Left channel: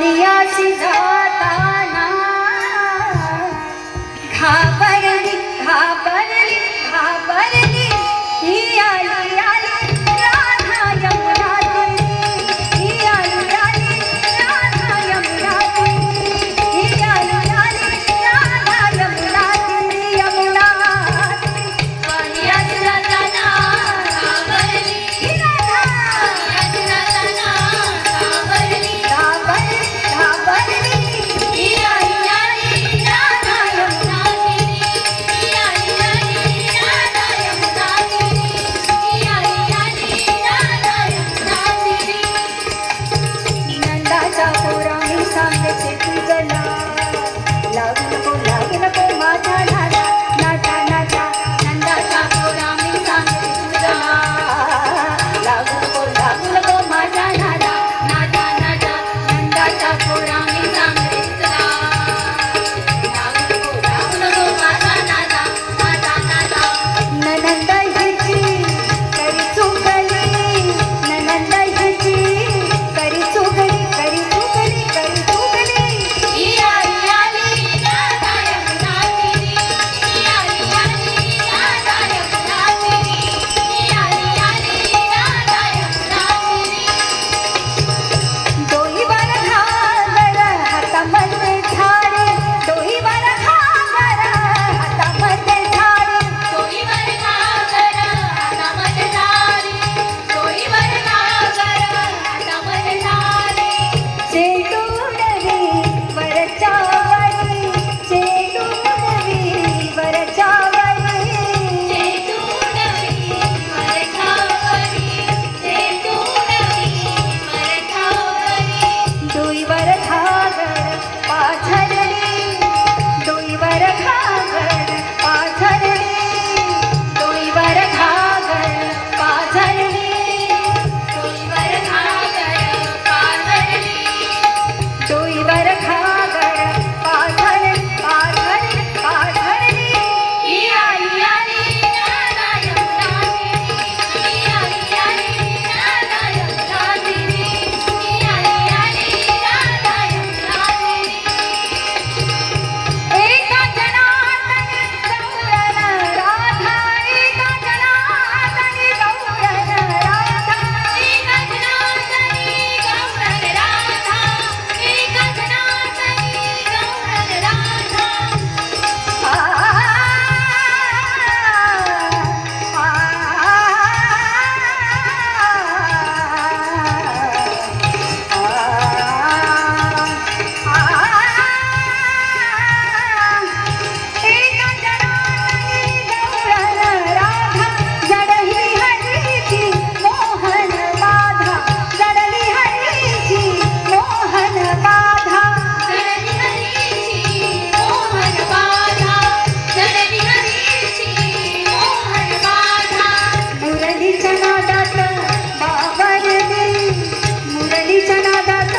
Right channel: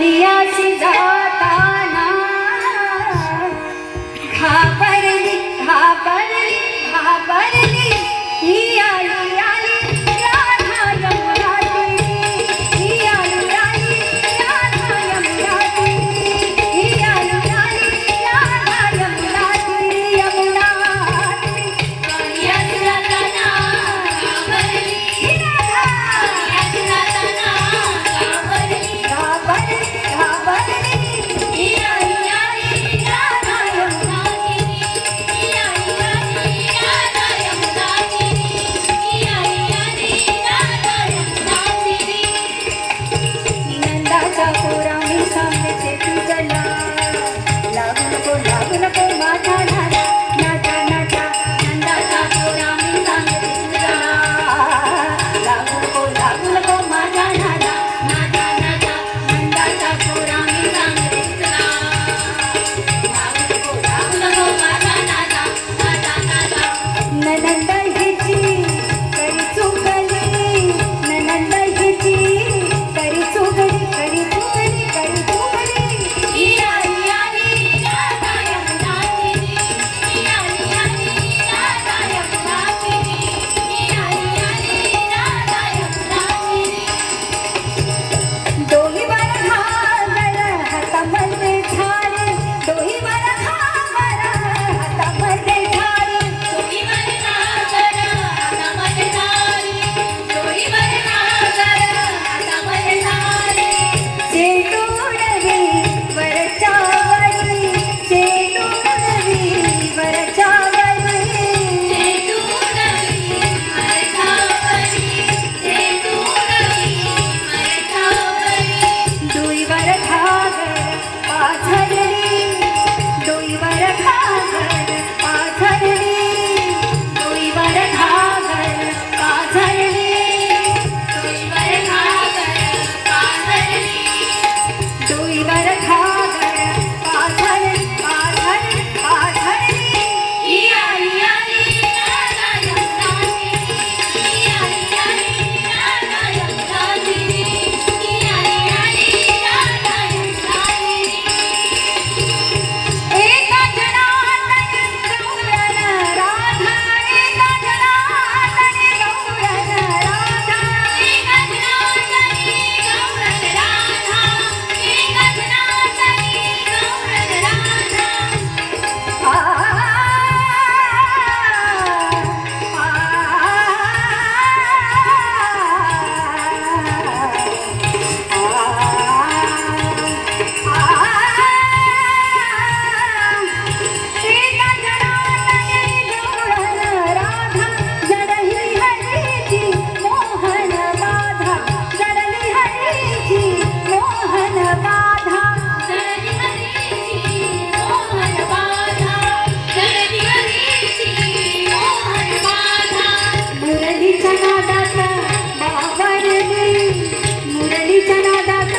आणि अशी जाताना घाबरली घाबरली घाबरली ही आली आली राधा यमुना तीरी ही आली आली राधा यमुना तीरी ही आली आली राधा यमुना तीरी यमुना तीरी आणि अशी जाताना घाबरली ही राधा आणि अशी जाताना घाबरली घाबरली घाबरली ही आली आली राधा यमुना तीरी ही आली आली राधा यमुना तीरी ही आली आली राधा यमुना तीरी नंदाच्या पोरांनी सांगते तुझला लागू नको माझ्या नादा नादा नादा नंदाच्या पोरांनी सांगते तुझला लागू नको माझ्या नादा नादा नादा नंदाच्या पोरांनी सांगते तुझला लागू नको माझ्या नादा नादा नादा ननंदा हिची करी चुकली ननंदा हिची करी चुकली करी चुकली करी चुकली ही आली आली राधा यमुना तीरी ही आली आली राधा यमुना तीरी ही आली आली राधा यमुना तीरी डोईवर घागर हातामध्ये झाली डोईवर घागर हातामध्ये झाली डोईवर घागर हातामध्ये झाली डोईवर घागर हातामध्ये झाली चेटूरवी वरच्या वरी चेटूरवी वरच्या वरी चेटूरवी वरच्या वरी चेटूरवी वरच्या वरी डोईवर घागर पाझरली डोईवर घागर पाझरली डोईवर घागर पाझरली डोईवर घागर पाझरली डोईवर घागर पाझरली पाझरली पाझरली ही आली आली राधा यमुना तीरी ही आली आली राधा यमुना तीरी ही आली आली राधा यमुना तीरी एका जनार्दनी गौरन राधा एका जनार्दनी गौरन राधा एका जनार्दनी गौरन राधा एका जनार्दनी गौरन राधा जडली हरीची मोहन बाधा जडली हरीची मोहन बाधा जडली हरीची मोहन बाधा जडली हरीची मोहन बाधा मुरलीच्या नादात बावरली मुरलीच्या नादात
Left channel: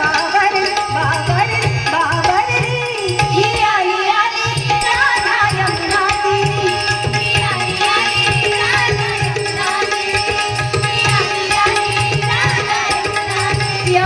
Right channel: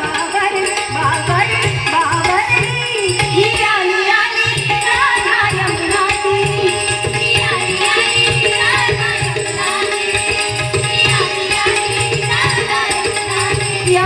बावरली बावरली बावरली ही आली आली राधा यमुना तीरी ही आली आली राधा यमुना तीरी ही आली आली राधा यमुना तीरी